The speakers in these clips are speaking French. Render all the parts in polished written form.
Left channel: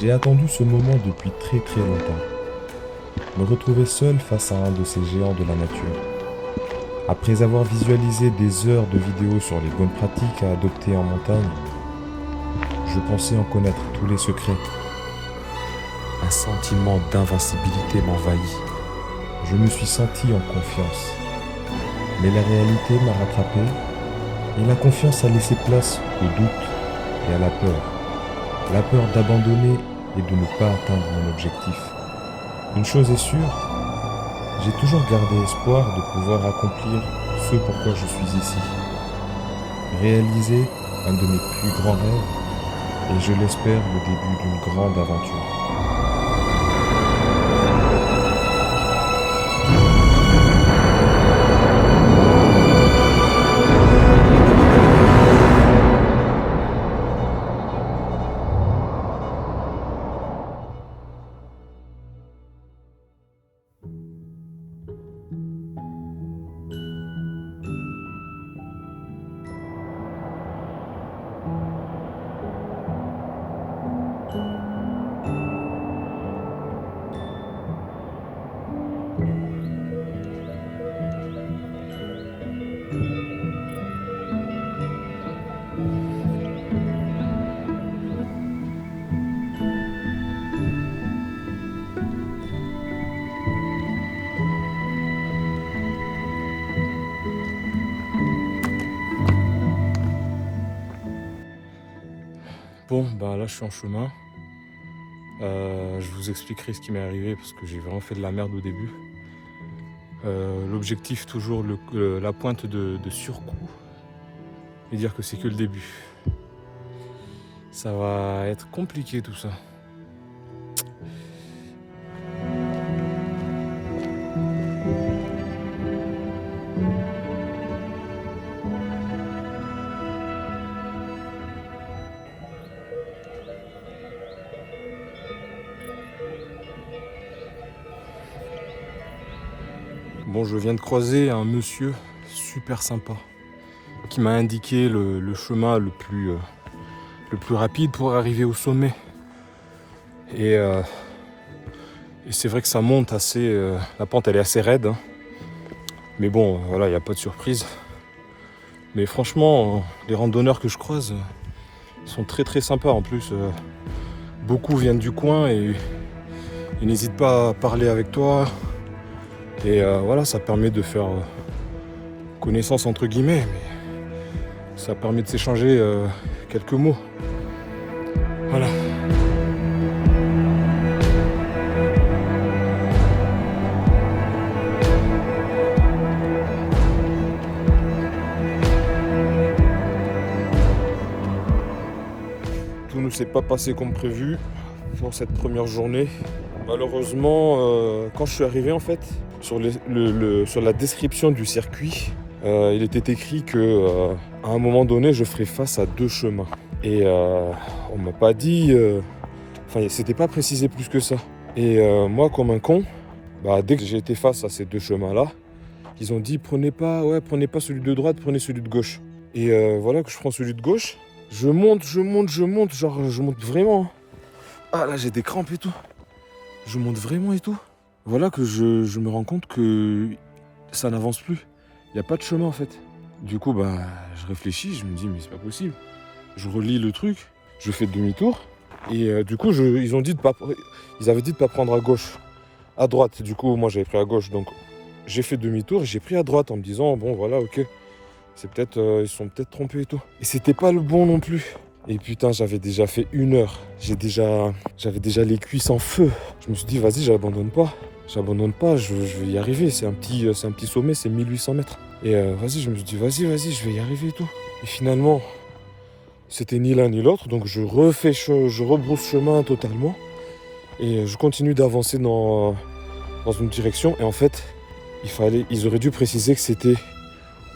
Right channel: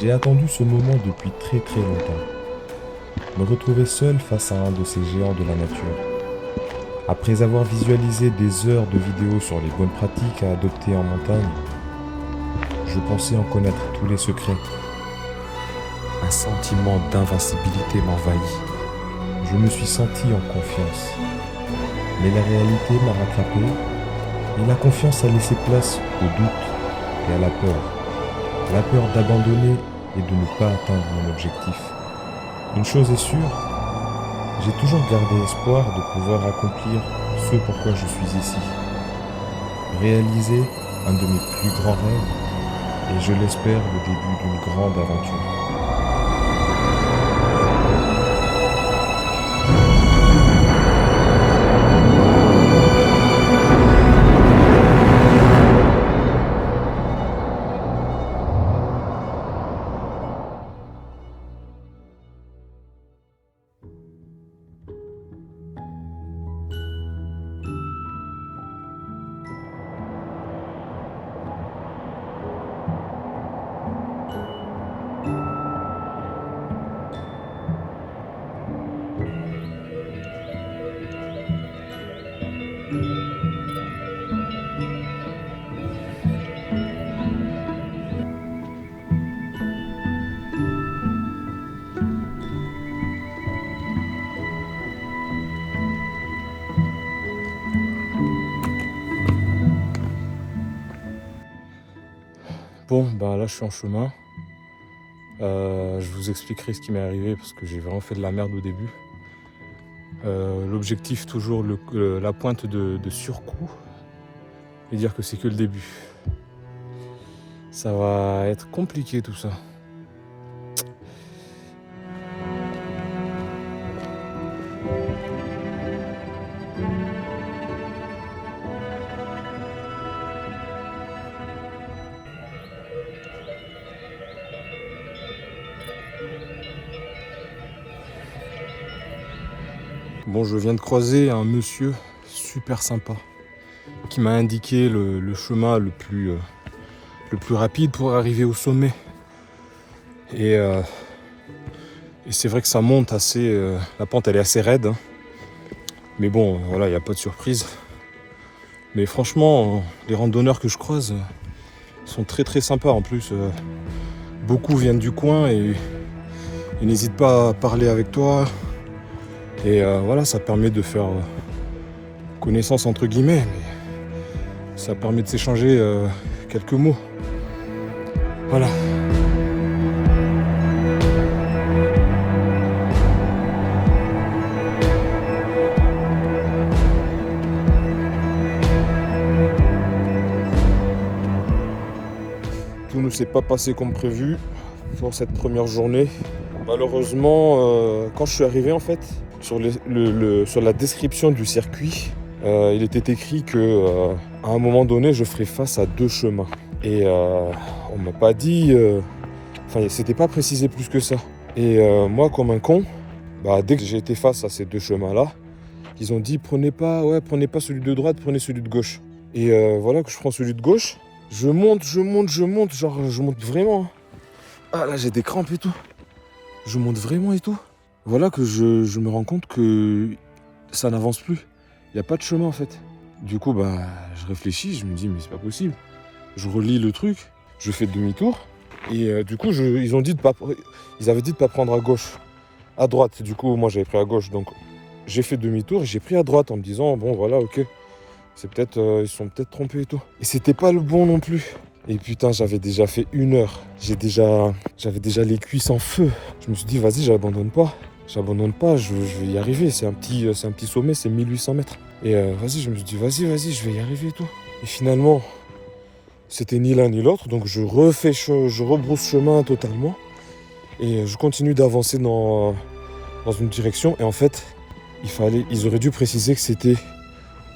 J'ai attendu ce moment depuis très très longtemps. Me retrouver seul face à un de ces géants de la nature. Après avoir visualisé des heures de vidéos sur les bonnes pratiques à adopter en montagne, je pensais en connaître tous les secrets. Un sentiment d'invincibilité m'envahit. Je me suis senti en confiance. Mais la réalité m'a rattrapé et la confiance a laissé place au doute et à la peur. La peur d'abandonner et de ne pas atteindre mon objectif. Une chose est sûre, j'ai toujours gardé espoir de pouvoir accomplir ce pourquoi je suis ici. Réaliser un de mes plus grands rêves et je l'espère le début d'une grande aventure. Bon, bah là je suis en chemin. Je vous expliquerai ce qui m'est arrivé parce que j'ai vraiment fait de la merde au début. L'objectif toujours la pointe de surcoût et dire que c'est que le début. Ça va être compliqué tout ça. Bon, je viens de croiser un monsieur super sympa qui m'a indiqué le chemin le plus rapide pour arriver au sommet. Et c'est vrai que ça monte assez... la pente elle est assez raide. Hein. Mais bon, voilà, il n'y a pas de surprise. Mais franchement, les randonneurs que je croise sont très très sympas en plus. Beaucoup viennent du coin et ils n'hésitent pas à parler avec toi. Et voilà, ça permet de faire connaissance entre guillemets. Mais ça permet de s'échanger quelques mots. Voilà. Tout ne s'est pas passé comme prévu pour cette première journée. Malheureusement, quand je suis arrivé en fait, sur la description du circuit, il était écrit que à un moment donné, je ferais face à 2 chemins. Et on m'a pas dit, enfin, c'était pas précisé plus que ça. Et moi, comme un con, dès que j'ai été face à ces 2 chemins-là, ils ont dit prenez pas celui de droite, prenez celui de gauche. Et voilà que je prends celui de gauche. Je monte, genre je monte vraiment. Ah là, j'ai des crampes et tout. Je monte vraiment et tout. Voilà que je me rends compte que ça n'avance plus. Il n'y a pas de chemin en fait. Du coup, je réfléchis, je me dis mais c'est pas possible. Je relis le truc, je fais demi-tour. Et du coup, ils avaient dit de pas prendre à gauche, à droite. Du coup, moi j'avais pris à gauche, donc j'ai fait demi-tour et j'ai pris à droite en me disant bon voilà, ok. C'est peut-être, ils sont peut-être trompés et tout. Et c'était pas le bon non plus. Et putain, j'avais déjà fait 1 heure. J'avais déjà les cuisses en feu. Je me suis dit, vas-y, j'abandonne pas. Je vais y arriver. C'est un petit sommet, c'est 1800 mètres. Et je me suis dit, vas-y, je vais y arriver et tout. Et finalement, c'était ni l'un ni l'autre. Donc je rebrousse chemin totalement. Et je continue d'avancer dans une direction. Et en fait, ils auraient dû préciser que c'était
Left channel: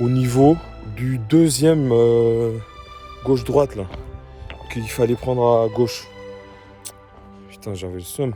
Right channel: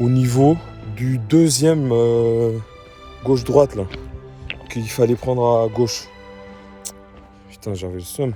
au niveau du 2e gauche-droite là, qu'il fallait prendre à gauche. Putain, j'avais le seum.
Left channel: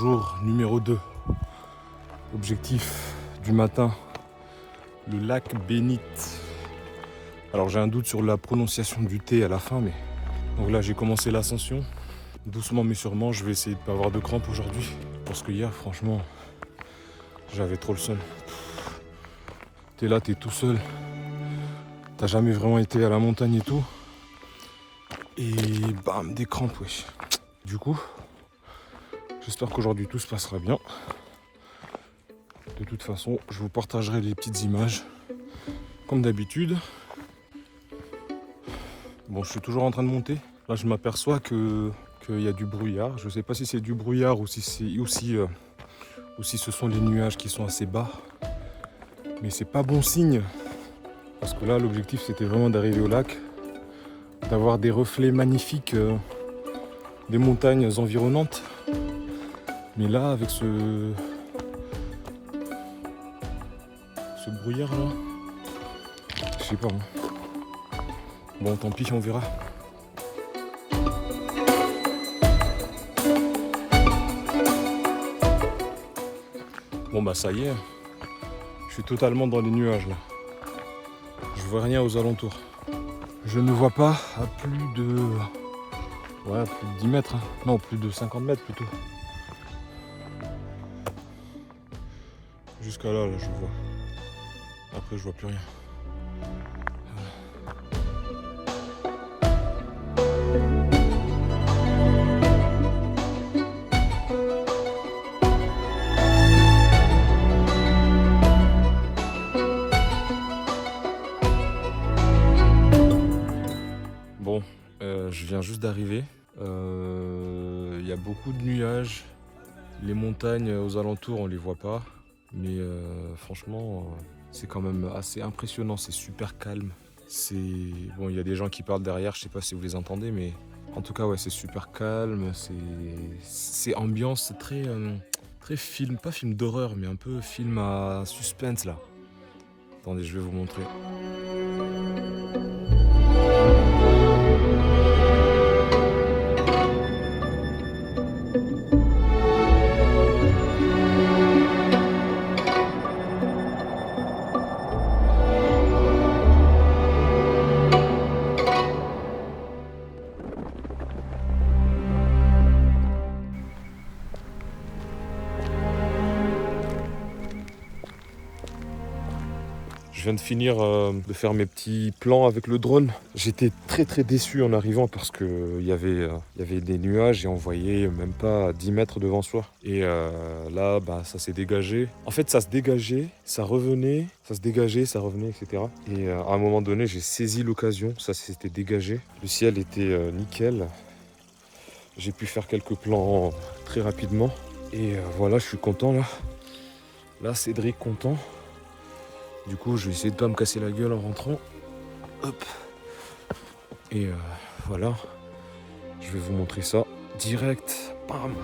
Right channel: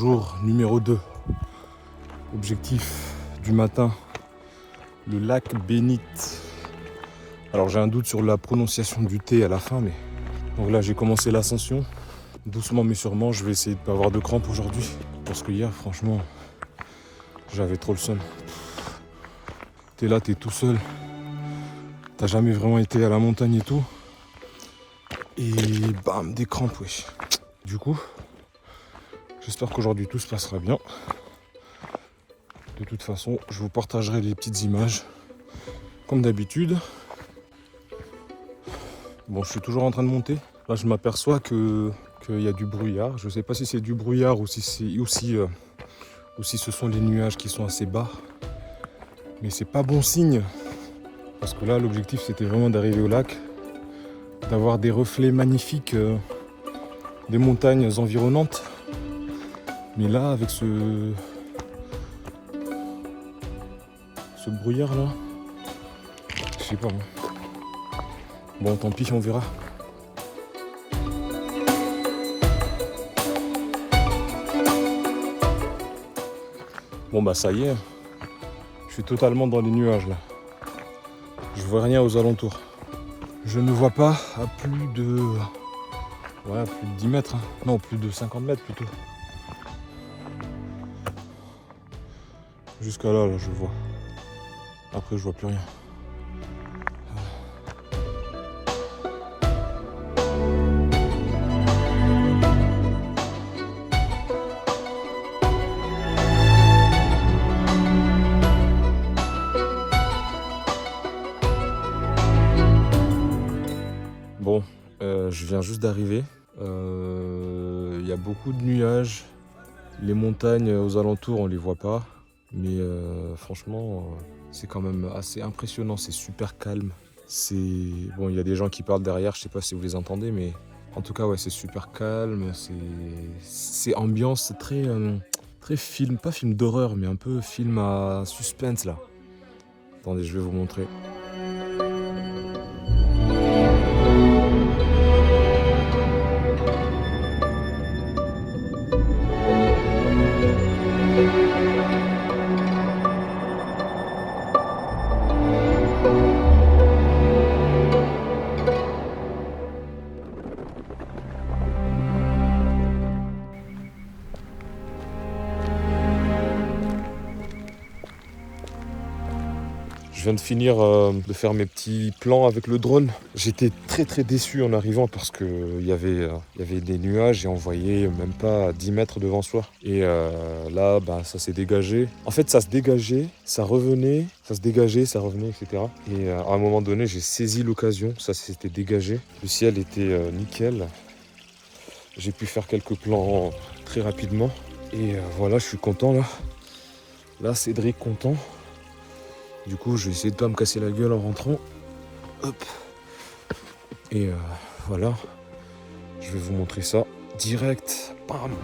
Jour numéro 2. Objectif du matin, le lac Bénite. Alors j'ai un doute sur la prononciation du T à la fin, mais... Donc là j'ai commencé l'ascension. Doucement mais sûrement, je vais essayer de ne pas avoir de crampes aujourd'hui. Parce que hier, franchement, j'avais trop le seum. T'es là, t'es tout seul. T'as jamais vraiment été à la montagne et tout. Et bam, des crampes, wesh. Du coup, j'espère qu'aujourd'hui tout se passera bien. De toute façon, je vous partagerai des petites images, comme d'habitude. Bon, je suis toujours en train de monter. Là, je m'aperçois qu'il y a du brouillard. Je ne sais pas si c'est du brouillard ou si ce sont les nuages qui sont assez bas. Mais c'est pas bon signe. Parce que là, l'objectif, c'était vraiment d'arriver au lac, d'avoir des reflets magnifiques des montagnes environnantes. Mais là, avec ce brouillard là, je sais pas. Bon, tant pis, on verra. Bon bah ça y est, je suis totalement dans les nuages là. Je vois rien aux alentours. Je ne vois pas à plus de 10 mètres. Hein. Non, plus de 50 mètres plutôt. Jusqu'à là, je vois. Après, je vois plus rien. Bon, je viens juste d'arriver. Il y a beaucoup de nuages. Les montagnes aux alentours, on les voit pas. Mais franchement, c'est quand même assez impressionnant. C'est super calme. Bon, il y a des gens qui parlent derrière. Je sais pas si vous les entendez, mais en tout cas, ouais, c'est super calme. C'est ambiance très, très film, pas film d'horreur, mais un peu film à suspense là. Attendez, je vais vous montrer. Je viens de finir de faire mes petits plans avec le drone. J'étais très déçu en arrivant parce qu'il y avait des nuages et on voyait même pas 10 mètres devant soi. Et là, bah, ça s'est dégagé. En fait, ça se dégageait, ça revenait, ça se dégageait, ça revenait, etc. Et à un moment donné, j'ai saisi l'occasion. Ça s'était dégagé. Le ciel était nickel. J'ai pu faire quelques plans très rapidement. Et voilà, je suis content là. Là, Cédric content. Du coup, je vais essayer de pas me casser la gueule en rentrant. Hop. Et voilà. Je vais vous montrer ça direct. Bam.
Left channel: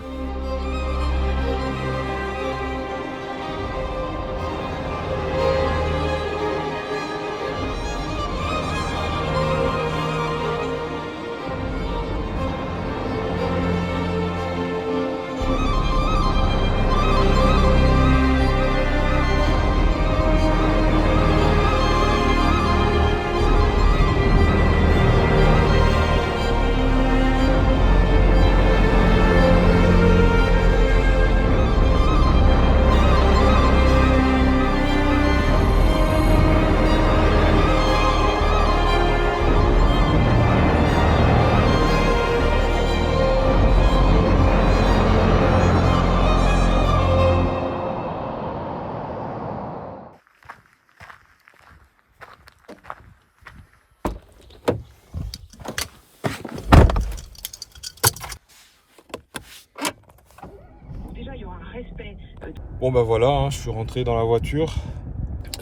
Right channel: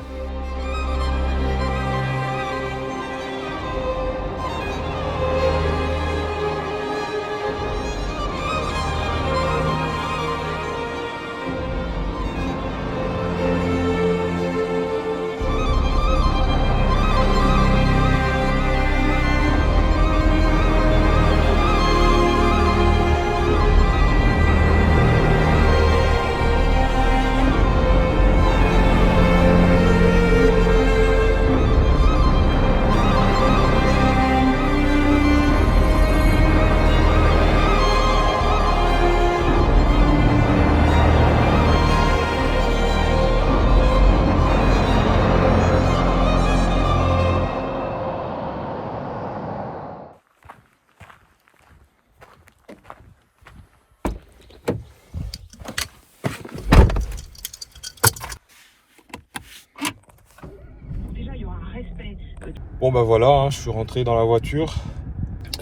Bon bah voilà, hein, je suis rentré dans la voiture.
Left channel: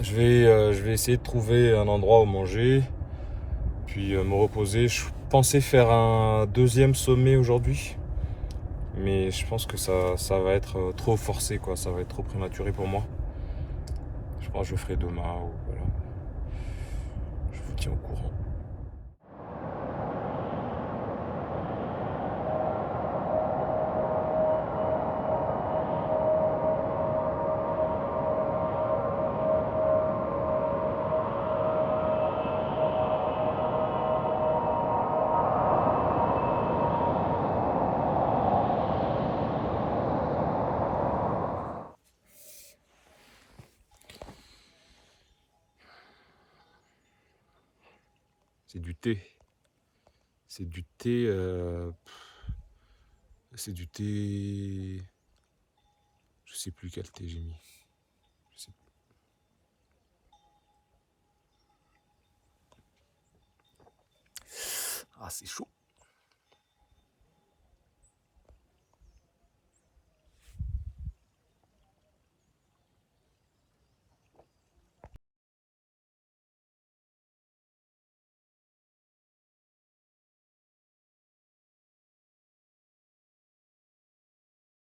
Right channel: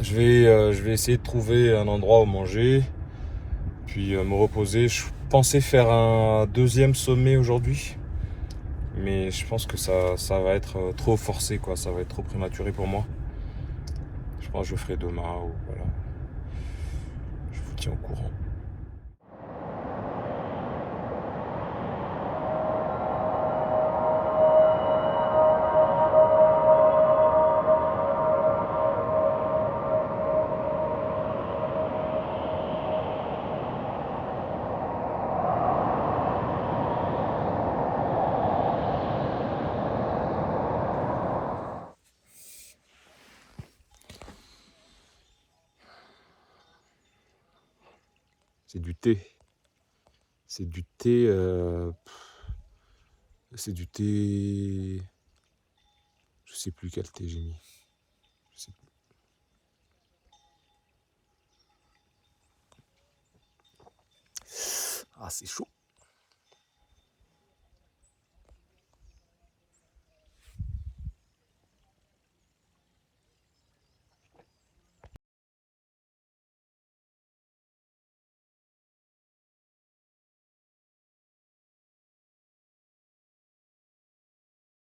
Je vais essayer de trouver un endroit où manger, puis me reposer. Je pensais faire un deuxième sommet aujourd'hui, mais je pense que ça va être trop forcé, quoi. Ça va être trop prématuré pour moi. Je pense que je le ferai demain ou voilà. Je vous tiens au courant. C'est du thé. C'est du thé. C'est du thé. Je sais plus quel thé j'ai mis. Je sais plus. Ah, c'est chaud.